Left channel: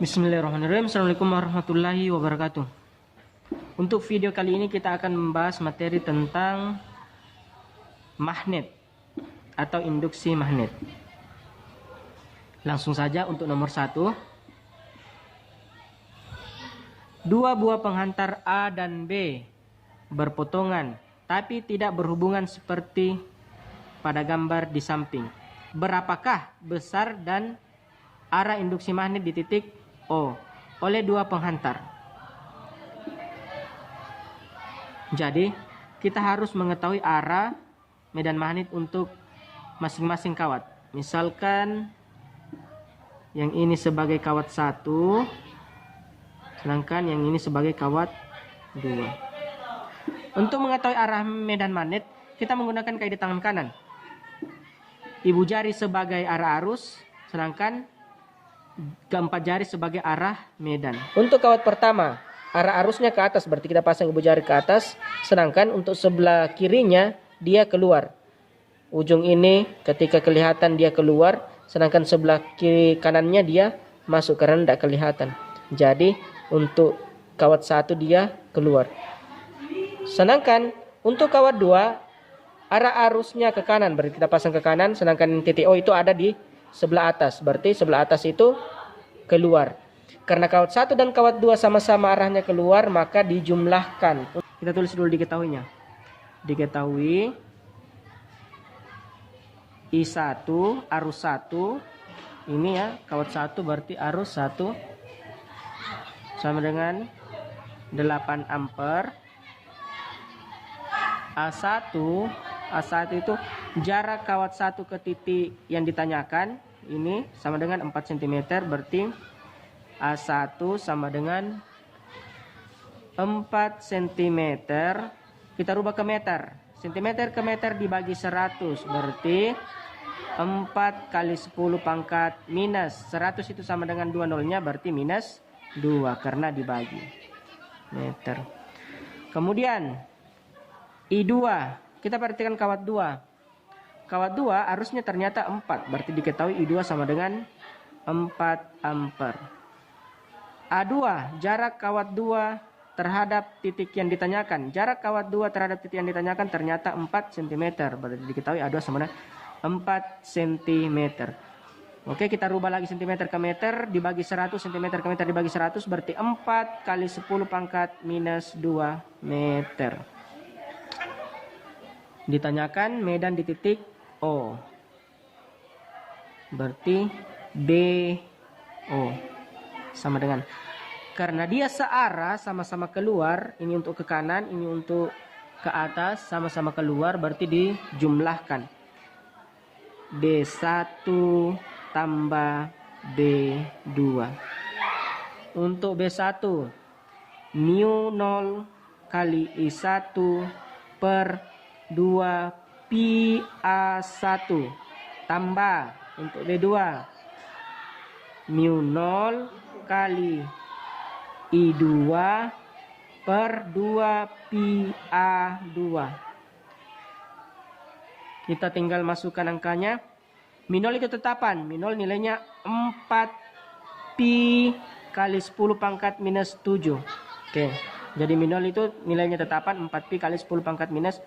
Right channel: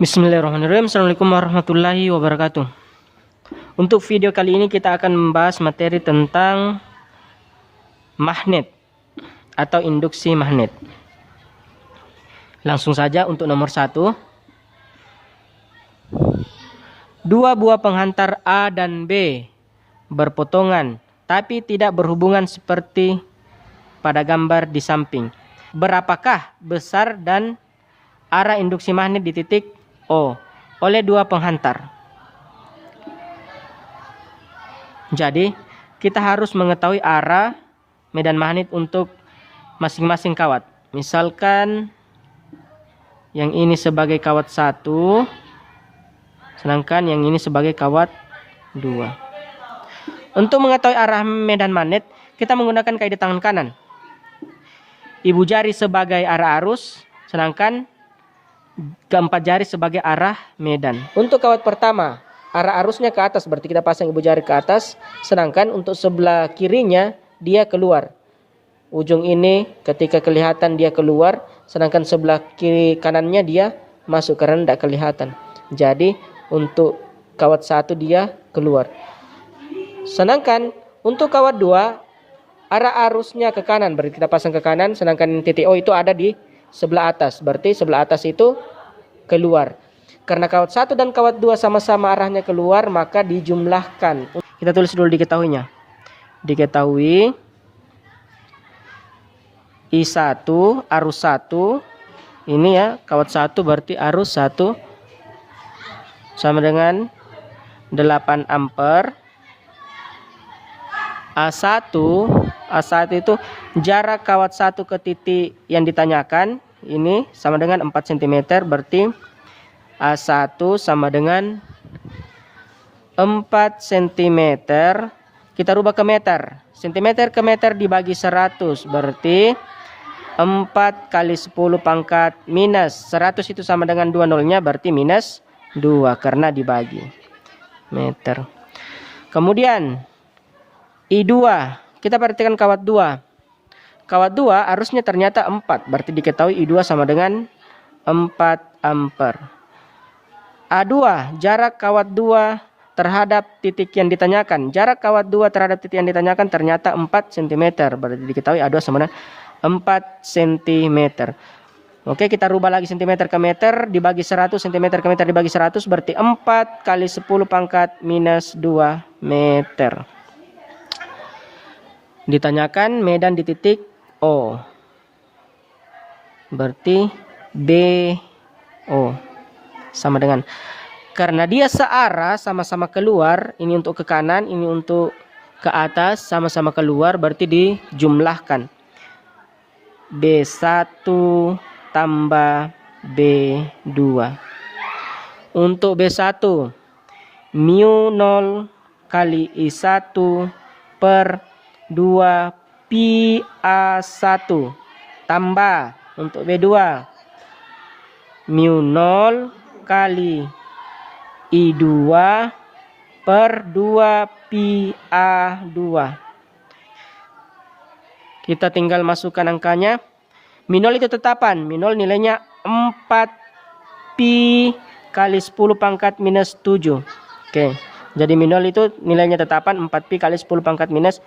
Bismillahirrahmanirrahim. Assalamualaikum warahmatullahi wabarakatuh. Untuk video kali ini kita akan membahas materi tentang magnet atau induksi magnet. Langsung saja untuk nomor 1. Dua buah penghantar A dan B berpotongan tapi tidak berhubungan seperti pada gambar di samping. Berapakah besar dan arah induksi magnet di titik O oleh dua penghantar? Jadi kita harus mengetahui arah medan magnet untuk masing-masing kawat. Misalkan yang ini sebagai kawat 1, sedangkan yang ini sebagai kawat 2. Untuk mengetahui arah medan magnet, kita menggunakan kaidah tangan kanan. Ibu jari sebagai arah arus, sedangkan keempat jari sebagai arah medan. Untuk kawat pertama, arah arusnya ke atas, berarti kita pasang ibu jari ke atas. Sedangkan untuk sebelah kirinya dia keluar. Ujung ini ketika kelihatan dia keluar, sedangkan sebelah kiri kanannya dia masuk karena tidak kelihatan. Jadi untuk kawat 1 dia keluar. Sedangkan untuk kawat 2, arah arusnya ke kanan, berarti kita pasang ke kanan. Sedangkan titik O itu ada di sebelah atas, berarti sebelah atas itu keluar. Karena kawat 1 dan kawat 2 sama-sama arahnya keluar, maka dijumlahkan. Kita tulis dulu diketahuinya. Diketahui I1 arus 1, ini ya kawat 1 berarti arus 1 sama dengan 8 ampere. A1 itu jarak kawat 1 ke titik yang ditanyakan, ini sama dengan 4 cm, berarti A1 sama dengan 4 cm. Kita rubah ke meter. Cm ke meter dibagi 100, berarti 4 kali 10 pangkat minus 100 itu sama dengan 2 nolnya, berarti minus 2 karena dibagi meter. Kemudian I2, kita perhatikan kawat 2. Kawat 2 arusnya ternyata 4, berarti diketahui I2 sama dengan 4 ampere. A2, jarak kawat 2 terhadap titik yang ditanyakan. Jarak kawat 2 terhadap titik yang ditanyakan ternyata 4 cm, berarti diketahui A2 sama dengan 4 cm. Oke, kita rubah lagi cm ke meter dibagi 100, cm ke meter dibagi 100, berarti 4 kali 10 pangkat minus 2 meter. Ditanyakan medan di titik O, berarti BO sama dengan, karena dia searah sama-sama keluar, ini untuk ke kanan, ini untuk ke atas, sama-sama keluar, berarti dijumlahkan. B1 tambah B2. Untuk B1, mu 0 kali I1 per 2 pi A1 tambah untuk B2 mu 0 kali I2 per 2 pi A2. Kita tinggal masukkan angkanya. Mu 0 itu tetapan, mu 0 nilainya 4 pi kali 10 pangkat minus 7. Oke, jadi mu 0 itu nilainya tetapan 4 pi kali 10 pangkat minus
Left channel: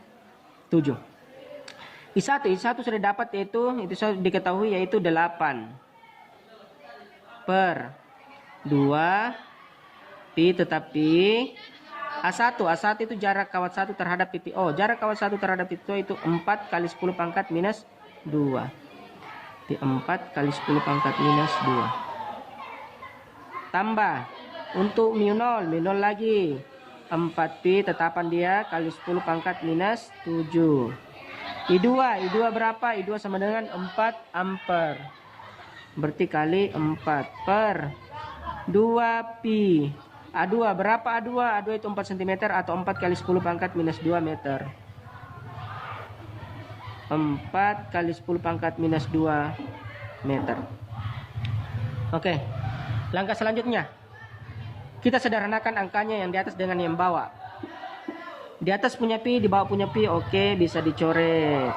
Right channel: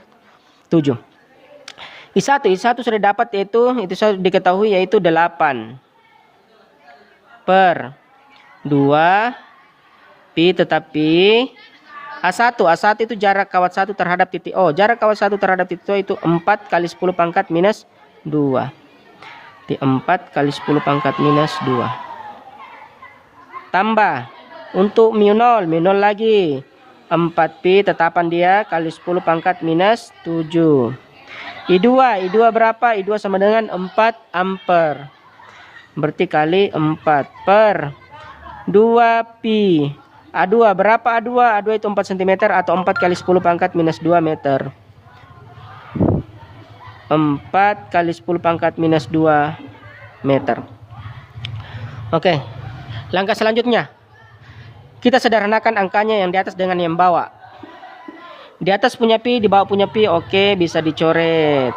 7. I1 sudah dapat, itu sudah diketahui, yaitu 8 per 2 pi, tetapi A1 itu jarak kawat 1 terhadap titik O. Jarak kawat 1 terhadap titik O itu 4 kali 10 pangkat minus 2. Di 4 kali 10 pangkat minus 2. Tambah untuk mu 0 lagi 4 pi, tetapan dia kali 10 pangkat minus 7. I2 berapa? I2 sama dengan 4 ampere. Berarti kali 4 per 2 pi. A2 berapa? A2 itu 4 cm atau 4 kali 10 pangkat minus 2 meter. 4 kali 10 pangkat minus 2 meter. Oke, langkah selanjutnya kita sederhanakan angkanya yang di atas dengan yang bawah. Di atas punya pi, di bawah punya pi, oke, bisa dicoret.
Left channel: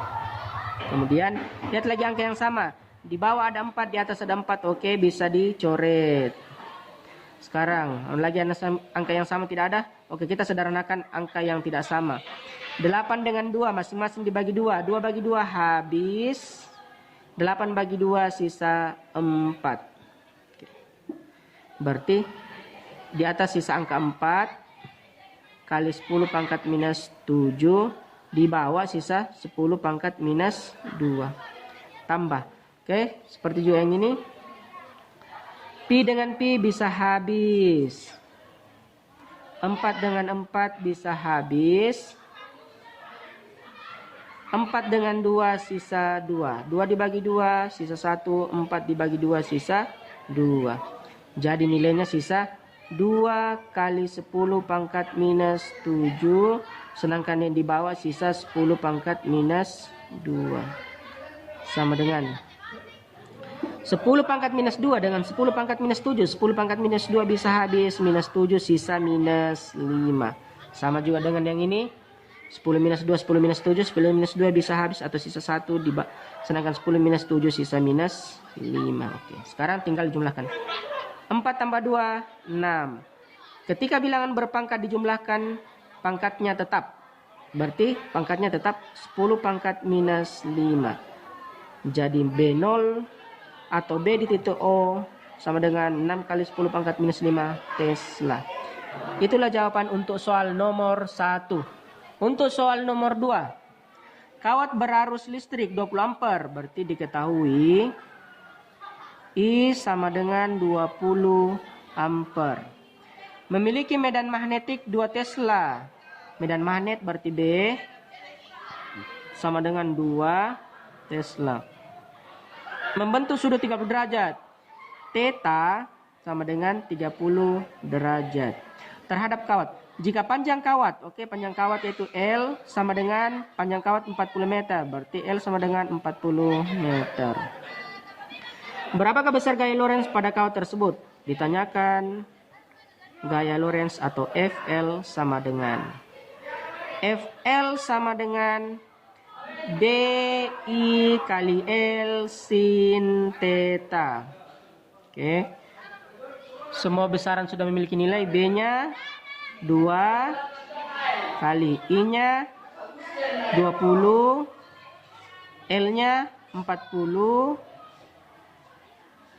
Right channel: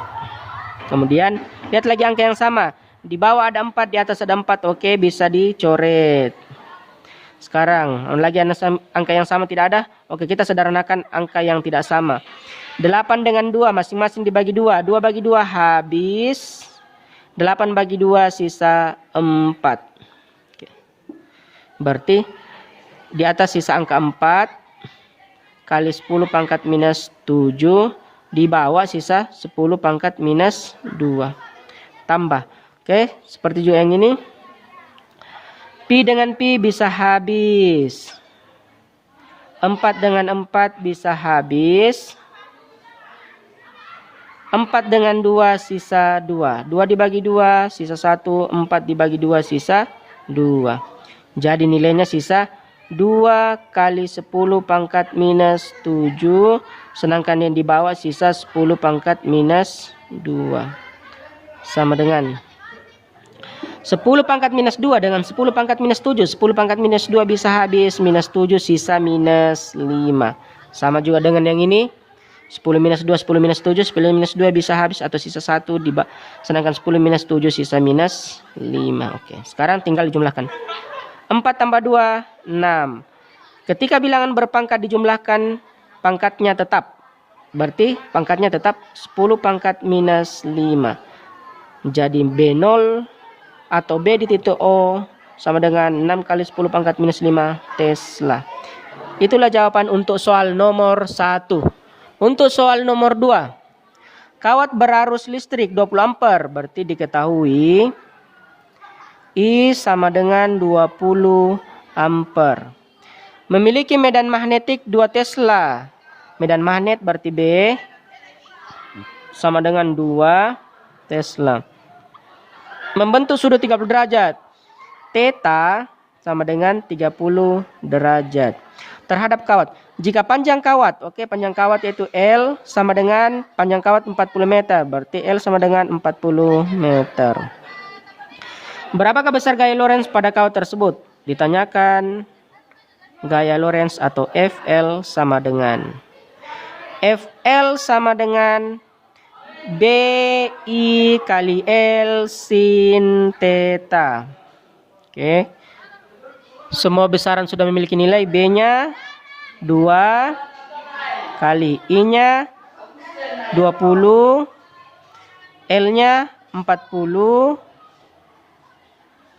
Kemudian lihat lagi angka yang sama. Di bawah ada 4, di atas ada 4. Oke, bisa dicoret. Sekarang lagi angka yang sama tidak ada. Oke, kita sederhanakan angka yang tidak sama. 8 dengan 2 masing-masing dibagi 2. 2 bagi 2 habis. 8 bagi 2 sisa 4. Oke. Berarti di atas sisa angka 4 kali 10 pangkat minus 7. Di bawah sisa 10 pangkat minus 2. Tambah. Oke, seperti juga yang ini. Pi dengan pi bisa habis. 4 dengan 4 bisa habis. 4 dengan 2 sisa 2. 2 dibagi 2 sisa 1. 4 dibagi 2 sisa 2. Jadi nilainya sisa 2 kali 10 pangkat minus 7. Sedangkan yang di bawah sisa 10 pangkat minus 2. Sama dengan 10 pangkat minus 2 dengan 10 pangkat minus 7. 10 pangkat minus 2 bisa habis. Minus 7 sisa minus 5. Sama juga dengan yang ini. 10 minus 2, 10 minus 7, 10 minus 2 bisa habis atau sisa 1. Sedangkan 10 minus 7 sisa minus 5. Oke, sekarang tinggal dijumlahkan. 4 tambah 2, 6. Ketika bilangan berpangkat dijumlahkan, pangkatnya tetap. Berarti pangkatnya tetap 10 pangkat minus 5. Jadi B0 atau B di titik O sama dengan 6 kali 10 pangkat minus 5 Tesla. Itulah jawaban untuk soal nomor 1. Untuk soal nomor 2. Kawat berarus listrik 20 ampere. Berarti diketahui I sama dengan 20 ampere. Memiliki medan magnetik 2 Tesla. Medan magnet berarti B sama dengan 2 Tesla. Membentuk sudut 30 derajat. Theta sama dengan 30 derajat. Terhadap kawat. Jika panjang kawat, panjang kawat yaitu L sama dengan panjang kawat 40 meter. Berarti L sama dengan 40 meter. Berapakah besar gaya Lorentz pada kawat tersebut? Ditanyakan gaya Lorentz atau FL sama dengan BI kali L sin theta. Oke. Semua besaran sudah memiliki nilai. B-nya 2 kali I-nya 20, L-nya 40,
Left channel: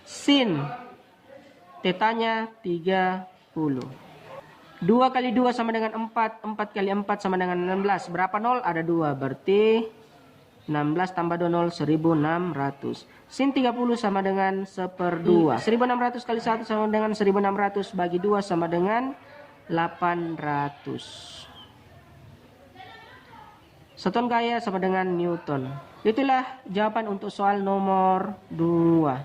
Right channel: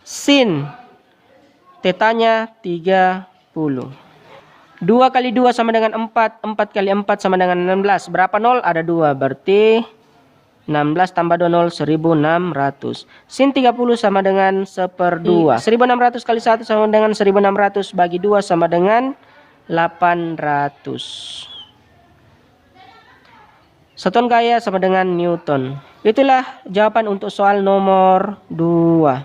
sin theta-nya 30. 2 kali 2 sama dengan 4, 4 kali 4 sama dengan 16. Berapa nol? Ada 2, berarti 16 tambah 2 nol 1600. Sin 30 sama dengan 1/2. 1600 kali 1 sama dengan 1600 bagi 2 sama dengan 800. Satuan gaya sama dengan Newton. Itulah jawaban untuk soal nomor 2.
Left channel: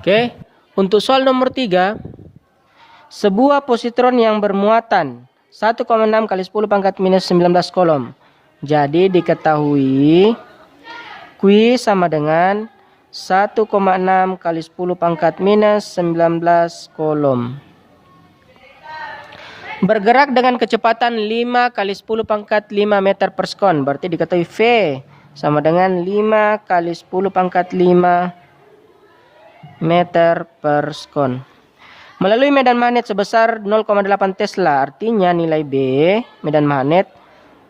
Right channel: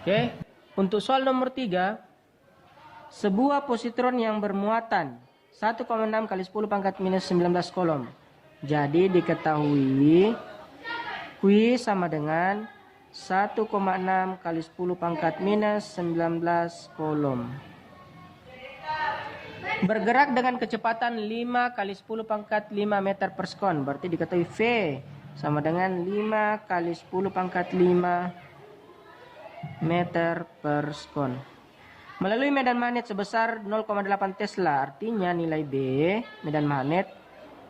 Oke, untuk soal nomor 3. Sebuah positron yang bermuatan 1,6 kali 10 pangkat minus 19 kolom. Jadi diketahui Q sama dengan 1,6 kali 10 pangkat minus 19 kolom. Bergerak dengan kecepatan 5 kali 10 pangkat 5 meter per sekon. Berarti diketahui V sama dengan 5 kali 10 pangkat 5 meter per sekon. Melalui medan magnet sebesar 0,8 Tesla. Artinya nilai B medan magnet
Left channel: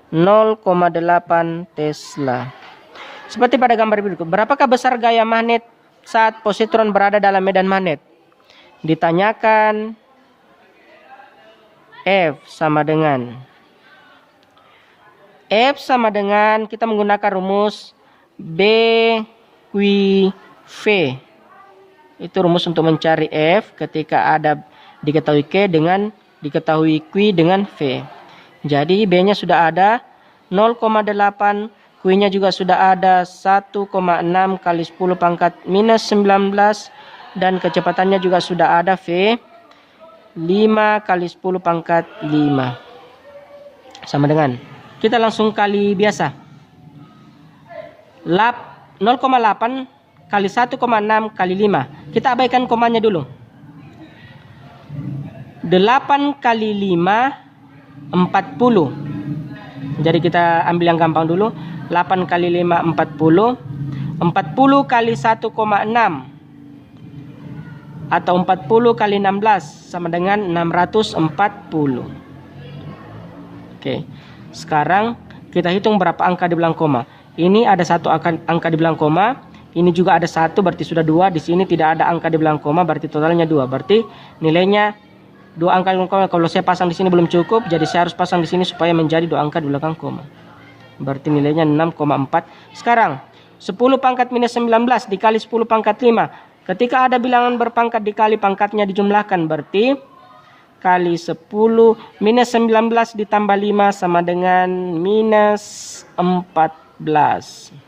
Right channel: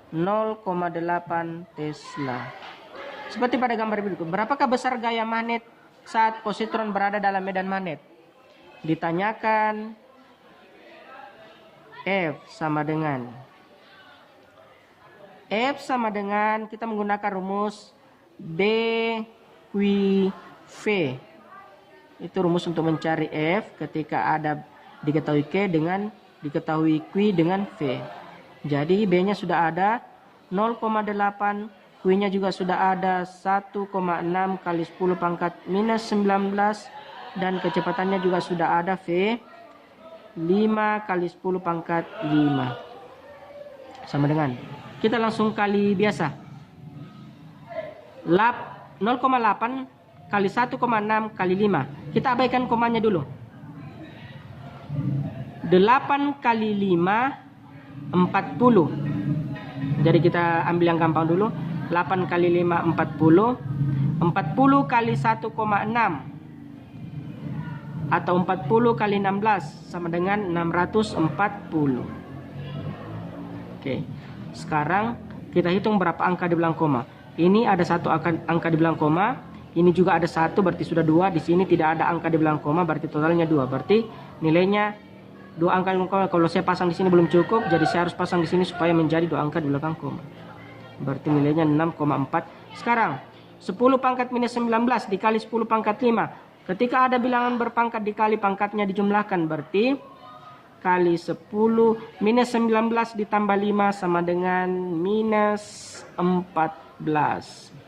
0,8 Tesla. Seperti pada gambar berikut. Berapakah besar gaya magnet saat positron berada dalam medan magnet? Ditanyakan F sama dengan kita menggunakan rumus B Q V. Itu rumus untuk mencari F ketika ada diketahui Q dengan diketahui Q dengan V. Jadi B-nya sudah ada 0,8, Q-nya juga sudah ada 1,6 kali 10 pangkat minus 19 dan kecepatannya juga sudah ada V 5 kali 10 pangkat 5 sama dengan kita langsung kali biasa 0,8 kali 1,6 kali 5. Kita abaikan komanya dulu. 8 kali 5 40. Jadi kita ambil yang gampang dulu. 8 kali 5 40. 40 kali 1,6 atau 40 kali 16 sama dengan 640. Oke. Sekarang kita hitung berapa angka di belakang koma. Ini ada satu angka di belakang koma. Ini juga ada satu, berarti sudah 2. Di sini tidak ada angka di belakang koma, berarti totalnya 2. Berarti nilainya 2 angka di belakang koma. Kalau saya pasang di sini belum cukup, jadi saya harus pasang di sini supaya menjadi 2 angka di belakang koma. Berarti nilainya 6,4. Sekarang 10 pangkat minus 19 dikali 10 pangkat 5. Ketika ada bilangan berpangkat dikali pangkatnya dijumlahkan, berarti kali 10 minus 19 ditambah 5 sama dengan minus 14.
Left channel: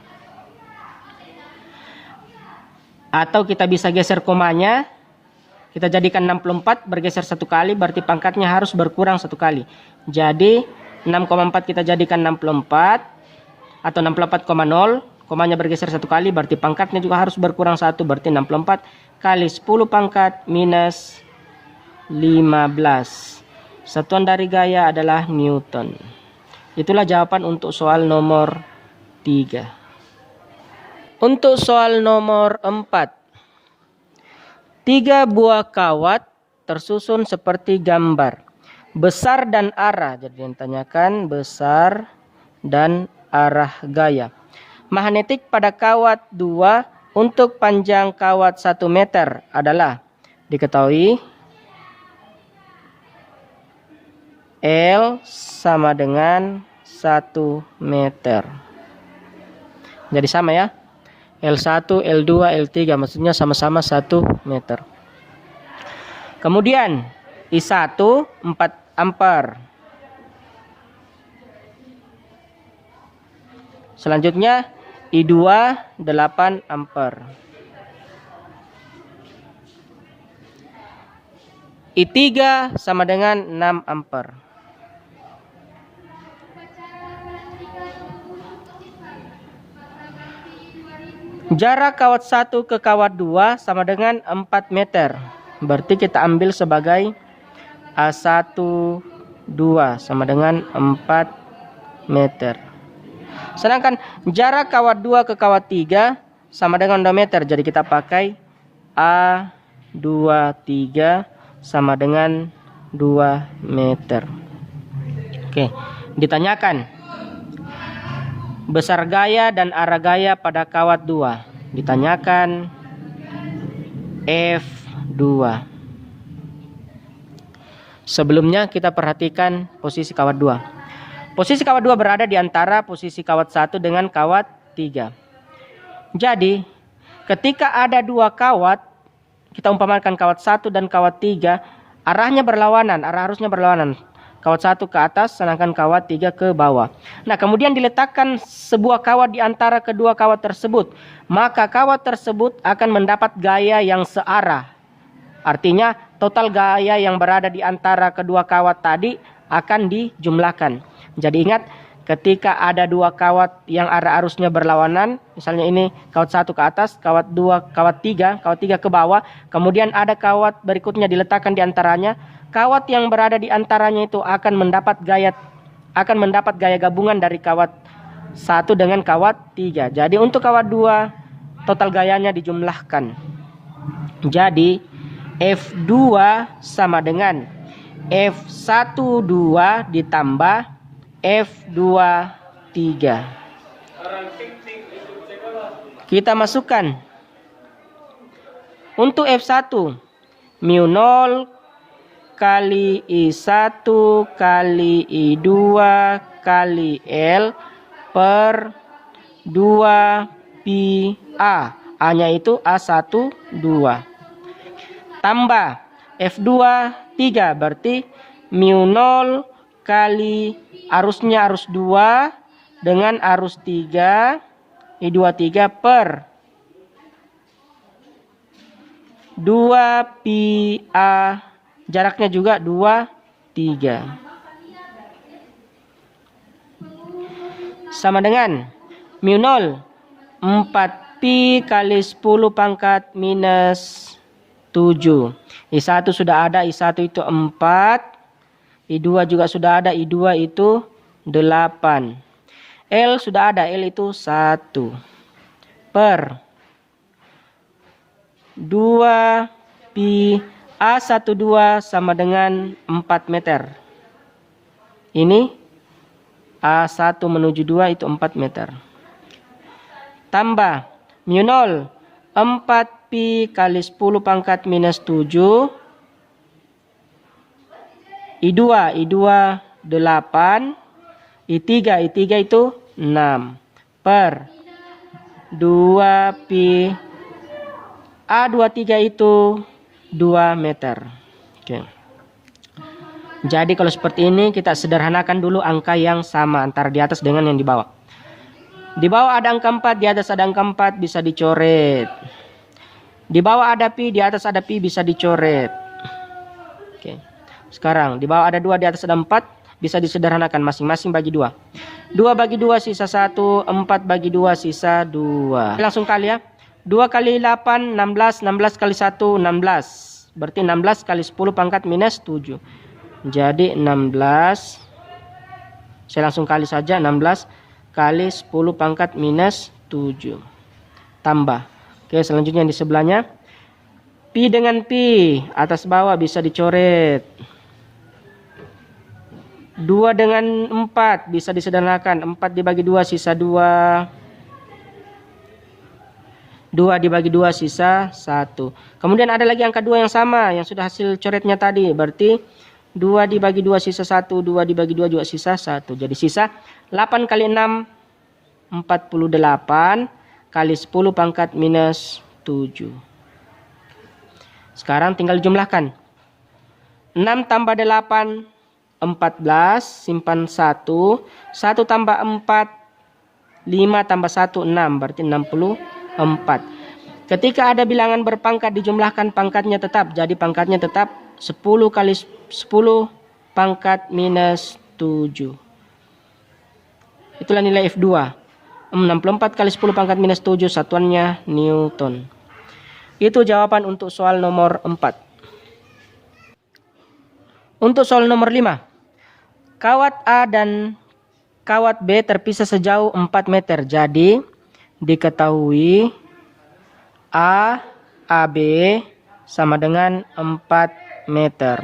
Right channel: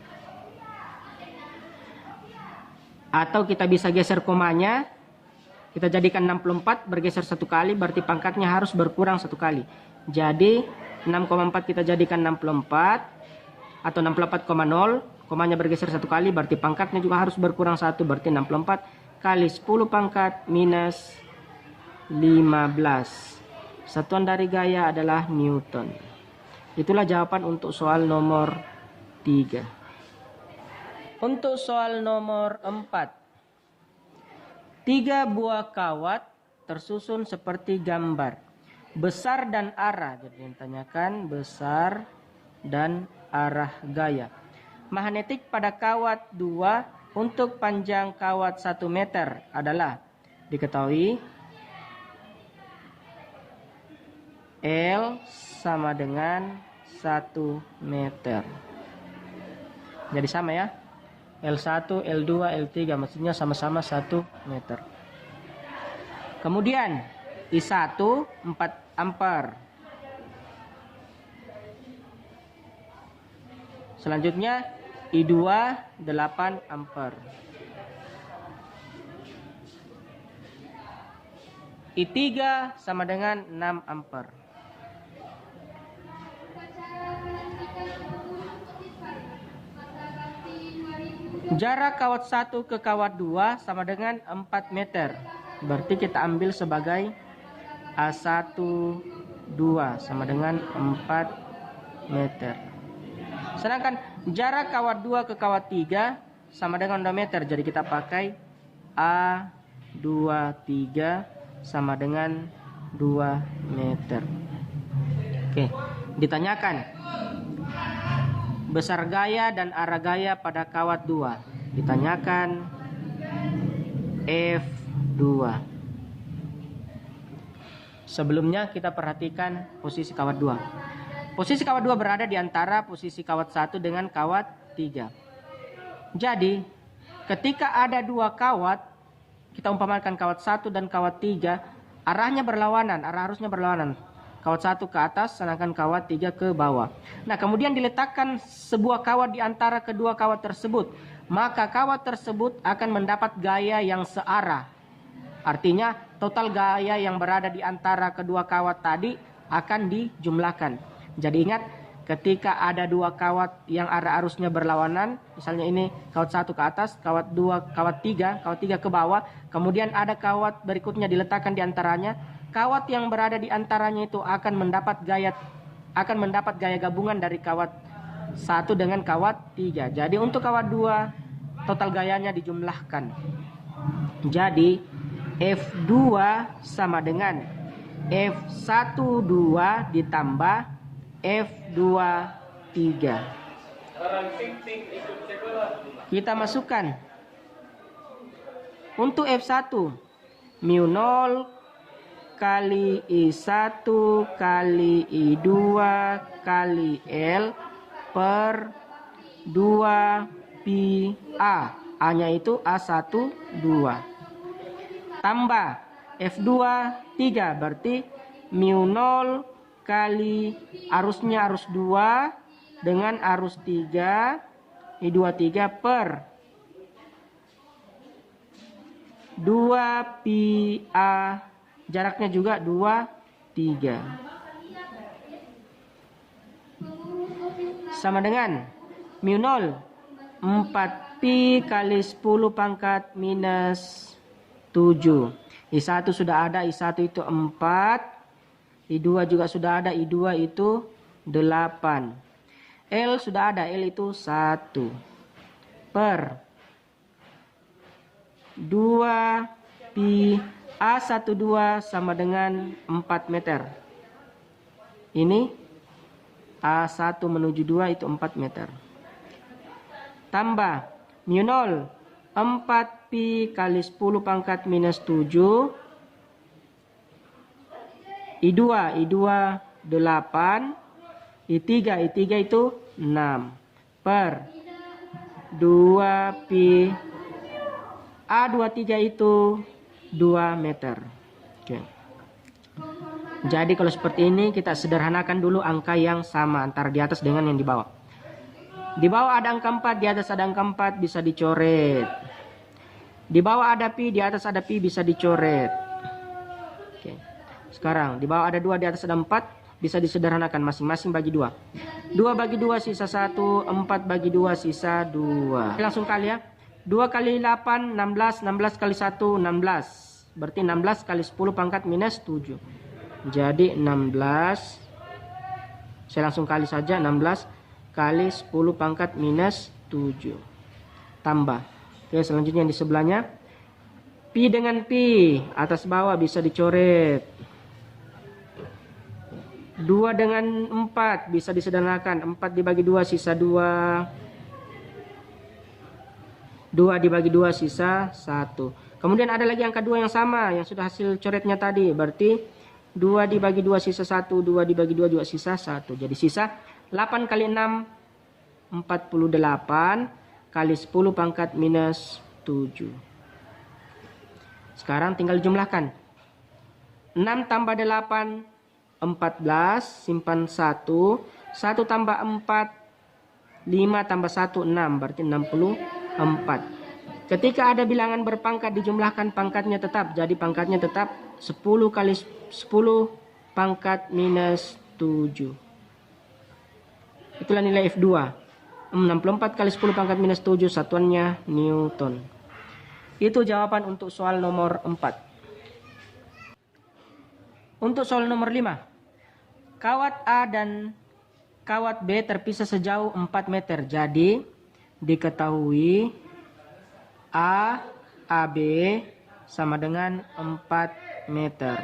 Atau kita bisa geser komanya, kita jadikan 64 bergeser 1 kali, berarti pangkatnya harus berkurang 1 kali. Jadi 6,4 kita jadikan 64 atau 64,0, komanya bergeser 1 kali, berarti pangkatnya juga harus berkurang 1, berarti 64 kali 10 pangkat minus 15. Satuan dari gaya adalah Newton. Itulah jawaban untuk soal nomor 3. Untuk soal nomor 4. 3 buah kawat tersusun seperti gambar. Besar dan arah. Jadi yang ditanyakan besar dan arah gaya. Magnetik pada kawat 2 untuk panjang kawat 1 meter adalah diketahui L sama dengan 1 meter. Jadi sama ya. L1, L2, L3 maksudnya sama-sama 1 meter. Kemudian I1 4 ampere. Selanjutnya I2 8 ampere. I3 sama dengan 6 ampere. Jarak kawat 1 ke kawat 2 sama dengan 4 meter. Berarti kita ambil sebagai A1 2 sama dengan 4 meter. Sedangkan jarak kawat 2 ke kawat 3 sama dengan 2 meter. Jadi kita pakai A23 sama dengan 2 meter. Oke, ditanyakan besar gaya dan arah gaya pada kawat 2. Ditanyakan F2. Sebelumnya kita perhatikan posisi kawat 2. Posisi kawat 2 berada di antara posisi kawat 1 dengan kawat 3. Jadi, ketika ada 2 kawat, kita umpamakan kawat 1 dan kawat 3, arahnya berlawanan, arah arusnya berlawanan. Kawat 1 ke atas, sedangkan kawat 3 ke bawah. Nah, kemudian diletakkan sebuah kawat di antara kedua kawat tersebut. Maka kawat tersebut akan mendapat gaya yang searah. Artinya, total gaya yang berada di antara kedua kawat tadi akan dijumlahkan. Jadi ingat, ketika ada 2 kawat yang arah arusnya berlawanan, misalnya ini kawat 1 ke atas, kawat 2, kawat 3 ke bawah, kemudian ada kawat berikutnya diletakkan di antaranya, kawat yang berada di antaranya itu akan mendapat gaya gabungan dari kawat 1 dengan kawat 3. Jadi untuk kawat 2 total gayanya dijumlahkan. Jadi F2 sama dengan F12 ditambah F23. Kita masukkan. Untuk F1 mu0 kali I1 kali I2 kali L per 2 pi A. A-nya itu A1 2. Tambah F2 3, berarti mu0 kali arusnya arus 2 dengan arus 3 I2 3 per 2 pi A, jaraknya juga 2 3 sama dengan mu0 4 pi kali 10 pangkat minus 7. I1 sudah ada, I1 itu 4. I2 juga sudah ada, I2 itu 8. L sudah ada, L itu 1. Per 2 pi A12 sama dengan 4 meter. Ini A1 menuju 2 itu 4 meter. Tambah mu 0, 4 pi kali 10 pangkat minus 7. I2 8. I3 itu 6. Per 2 pi A23 itu 2 meter. Oke. Jadi kalau seperti ini kita sederhanakan dulu angka yang sama antara di atas dengan yang di bawah. Di bawah ada angka 4, di atas ada angka 4, bisa dicoret. Di bawah ada pi, di atas ada pi, bisa dicoret. Oke. Sekarang di bawah ada 2, di atas ada 4, bisa disederhanakan masing-masing bagi 2. 2 bagi 2 sisa 1, 4 bagi 2 sisa 2. Langsung kali ya. 2 kali 8 16, 16 kali 1 16. Berarti 16 kali 10 pangkat minus 7. Jadi 16. Saya langsung kali saja, 16 kali 10 pangkat minus 7. Tambah. Oke, selanjutnya di sebelahnya. Pi dengan pi, atas bawah bisa dicoret. 2 dengan 4 bisa disederhanakan. 4 dibagi 2 sisa 2. 2 dibagi 2 sisa 1. Kemudian ada lagi angka 2 yang sama, yang sudah hasil coretnya tadi. Berarti 2 dibagi 2 sisa 1, 2 dibagi 2 juga sisa 1. Jadi sisa 8 kali 6, 48 kali 10 pangkat minus 7. Sekarang tinggal jumlahkan. 6 tambah 8, 14, simpan 1. 1 tambah 4, 5 tambah 1, 6. Berarti 64. Ketika ada bilangan berpangkat dijumlahkan pangkatnya tetap. Jadi pangkatnya tetap 10 kali 10 pangkat minus 7. Itulah nilai F2. 64 kali 10 pangkat minus 7, satuannya Newton. Itu jawaban untuk soal nomor 4. Untuk soal nomor 5. Kawat A dan kawat B terpisah sejauh 4 meter. Jadi diketahui AB sama dengan 4 meter.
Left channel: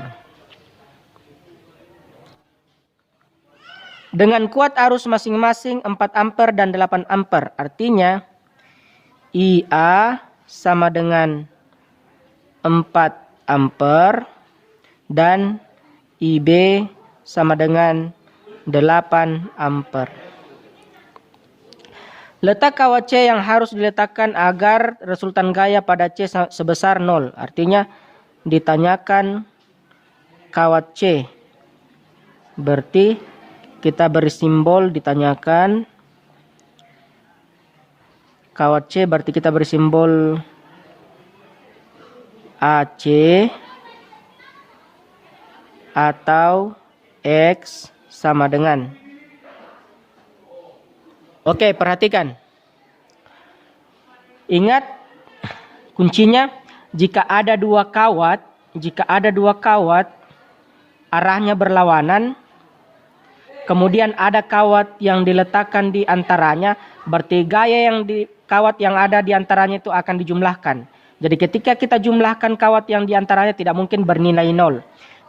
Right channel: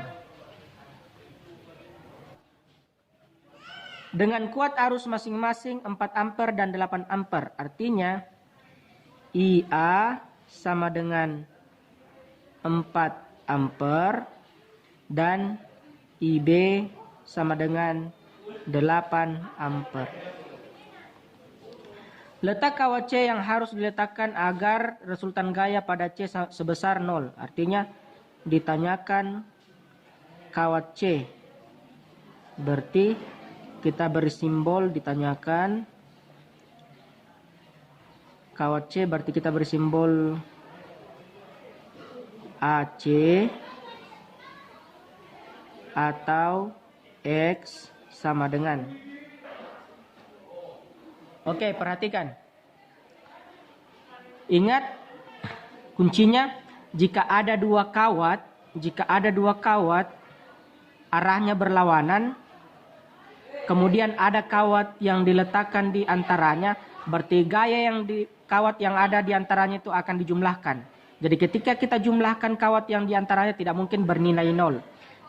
Dengan kuat arus masing-masing 4 ampere dan 8 ampere. Artinya IA sama dengan 4 ampere dan IB sama dengan 8 ampere. Letak kawat C yang harus diletakkan agar resultan gaya pada C sebesar 0. Artinya ditanyakan kawat C. Berarti kita beri simbol ditanyakan kawat C, berarti kita beri simbol AC atau X sama dengan. Oke, perhatikan. Ingat kuncinya, jika ada dua kawat arahnya berlawanan, kemudian ada kawat yang diletakkan di antaranya, berarti gaya yang di kawat yang ada di antaranya itu akan dijumlahkan. Jadi ketika kita jumlahkan kawat yang di antaranya tidak mungkin bernilai 0.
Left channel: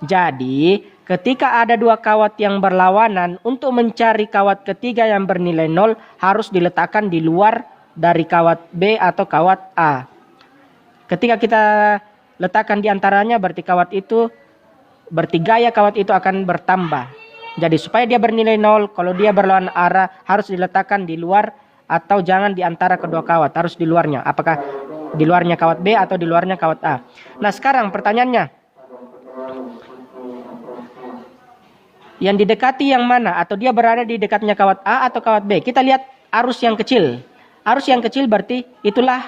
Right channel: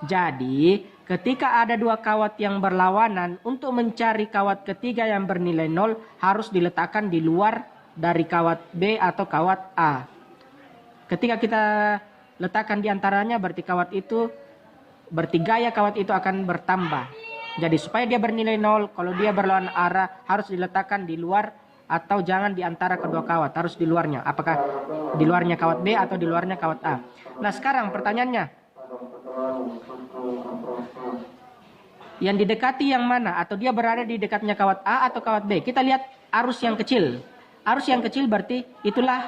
Jadi ketika ada dua kawat yang berlawanan, untuk mencari kawat ketiga yang bernilai 0 harus diletakkan di luar dari kawat B atau kawat A. Ketika kita letakkan di antaranya, berarti gaya kawat itu akan bertambah. Jadi supaya dia bernilai 0, kalau dia berlawanan arah harus diletakkan di luar atau jangan di antara kedua kawat, harus di luarnya. Apakah di luarnya kawat B atau di luarnya kawat A. Nah sekarang pertanyaannya, yang didekati yang mana? Atau dia berada di dekatnya kawat A atau kawat B? Kita lihat arus yang kecil. Arus yang kecil berarti itulah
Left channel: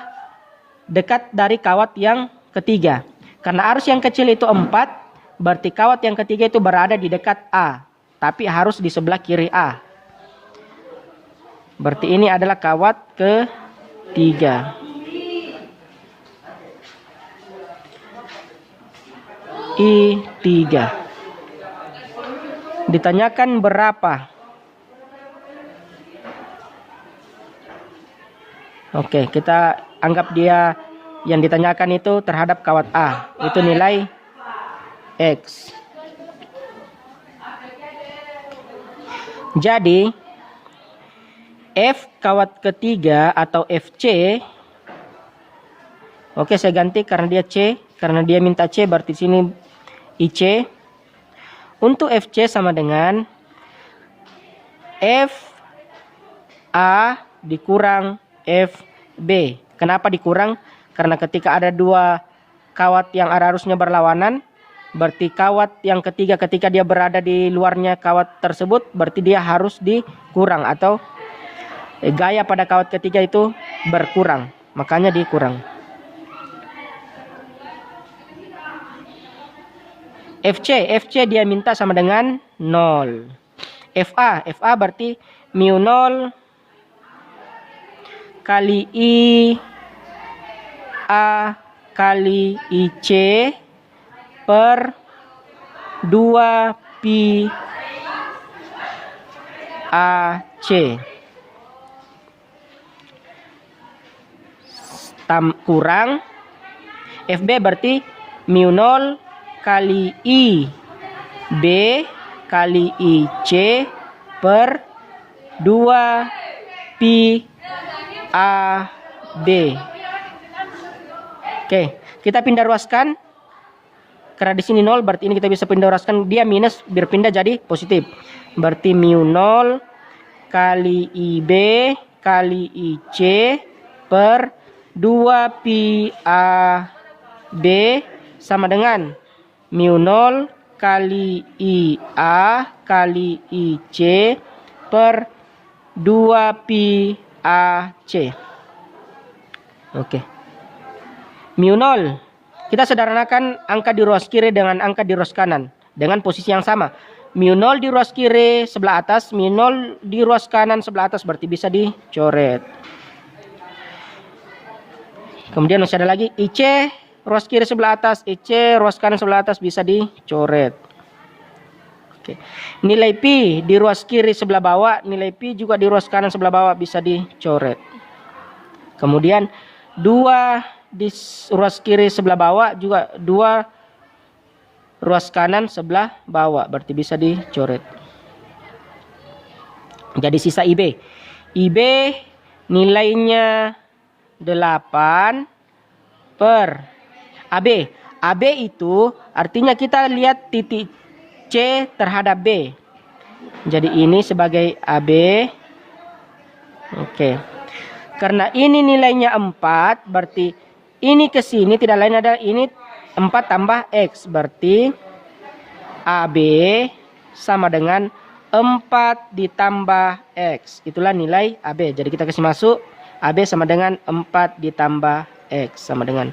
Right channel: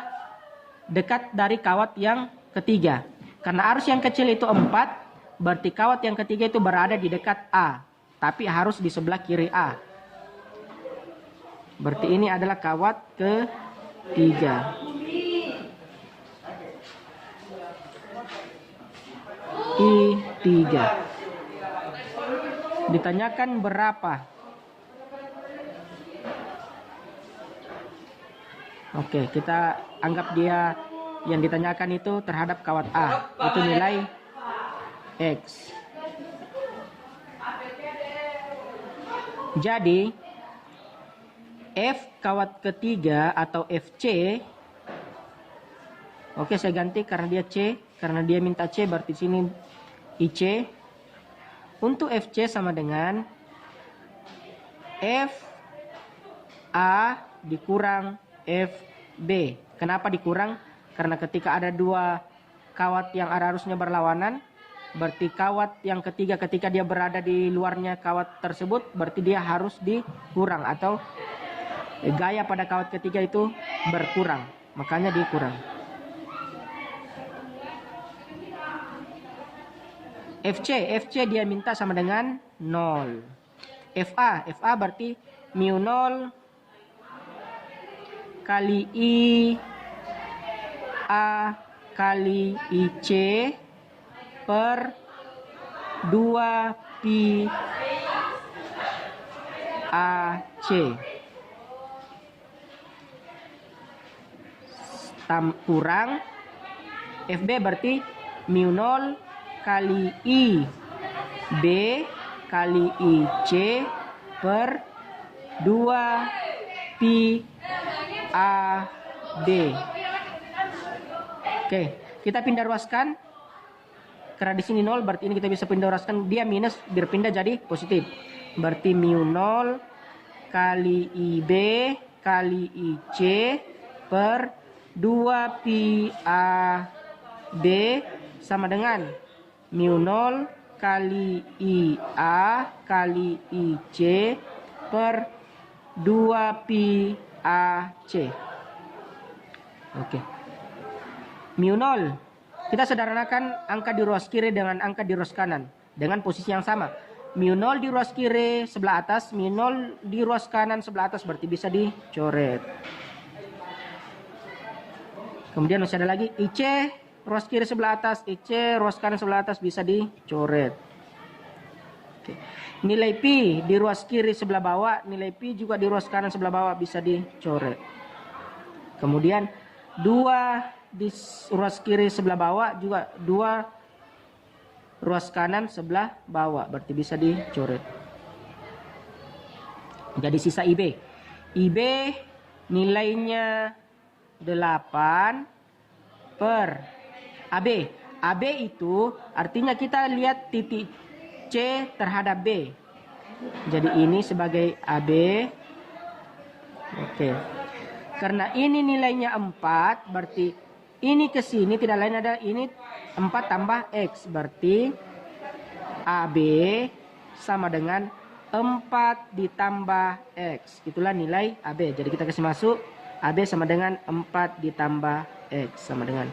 dekat dari kawat yang ketiga. Karena arus yang kecil itu 4, berarti kawat yang ketiga itu berada di dekat A. Tapi harus di sebelah kiri A. Berarti ini adalah kawat ketiga. I3. Ditanyakan berapa? Oke, kita anggap dia yang ditanyakan itu terhadap kawat A. Itu nilai X. Jadi F kawat ketiga atau FC, oke saya ganti karena dia C, karena dia minta C berarti sini IC. Untuk FC sama dengan F A dikurang FB. Kenapa dikurang? Karena ketika ada dua kawat yang arusnya berlawanan, berarti kawat yang ketiga ketika dia berada di luarnya kawat tersebut, berarti dia harus dikurang atau gaya pada kawat ketiga itu berkurang. Makanya dikurang. FC dia minta sama dengan 0. FA berarti mu 0 kali I A kali IC per 2 pi AC kurang FB berarti mu 0 kali I B kali IC per 2 pi AB. Oke, kita pindah ruaskan. Karena di sini 0 berarti ini kita bisa pindah ruaskan, dia minus berpindah jadi positif. Berarti mu 0 kali IB kali IC per 2 pi AB sama dengan mu 0 kali IA kali IC per 2 pi AC. Oke. Mu 0. Kita sederhanakan angka di ruas kiri dengan angka di ruas kanan dengan posisi yang sama. Mu 0 di ruas kiri sebelah atas, mu 0 di ruas kanan sebelah atas, berarti bisa dicoret. Kemudian masih ada lagi IC ruas kiri sebelah atas, IC ruas kanan sebelah atas, bisa dicoret. Oke. Nilai pi di ruas kiri sebelah bawah, nilai pi juga di ruas kanan sebelah bawah bisa dicoret. Kemudian 2 di ruas kiri sebelah bawah juga 2 ruas kanan sebelah bawah, berarti bisa dicoret. Jadi sisa IB. IB nilainya 8 per AB. AB itu artinya kita lihat titik C terhadap B. Jadi ini sebagai AB. Oke. Karena ini nilainya 4, berarti ini ke sini tidak lain adalah ini 4 tambah X. Berarti AB sama dengan 4 ditambah X. Itulah nilai AB. Jadi kita kasih masuk AB sama dengan 4 ditambah X sama dengan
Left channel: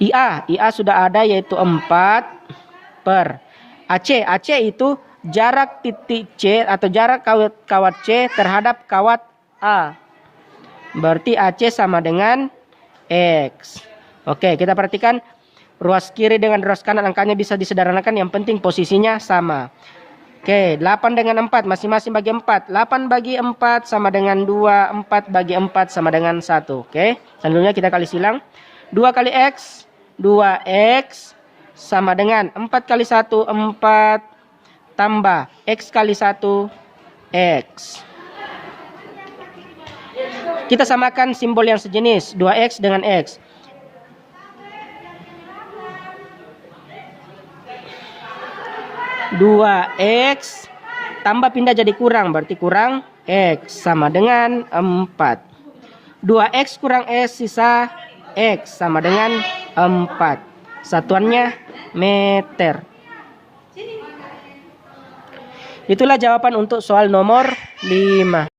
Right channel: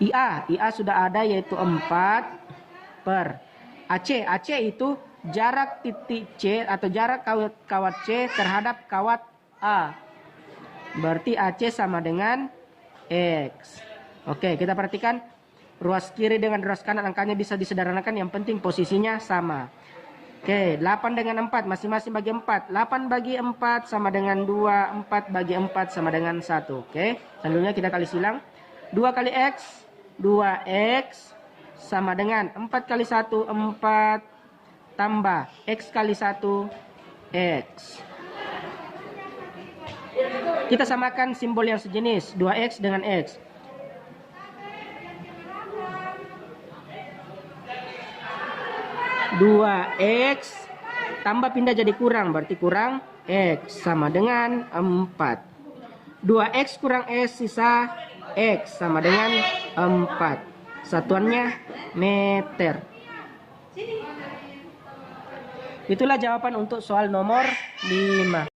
IA. IA sudah ada yaitu 4 per AC. AC itu jarak titik C atau jarak kawat C terhadap kawat A. Berarti AC sama dengan X. Oke, kita perhatikan ruas kiri dengan ruas kanan angkanya bisa disederhanakan, yang penting posisinya sama. Oke, 8 dengan 4 masing-masing bagi 4. 8 bagi 4 sama dengan 2, 4 bagi 4 sama dengan 1. Oke, selanjutnya kita kali silang. 2 kali X, 2X sama dengan 4 kali 1, 4 tambah X kali 1, X. Kita samakan simbol yang sejenis, 2X dengan X. Dua X tambah pindah jadi kurang, berarti kurang X sama dengan 4. 2X kurang S sisa X sama dengan 4. Satuannya meter. Itulah jawaban untuk soal nomor 5.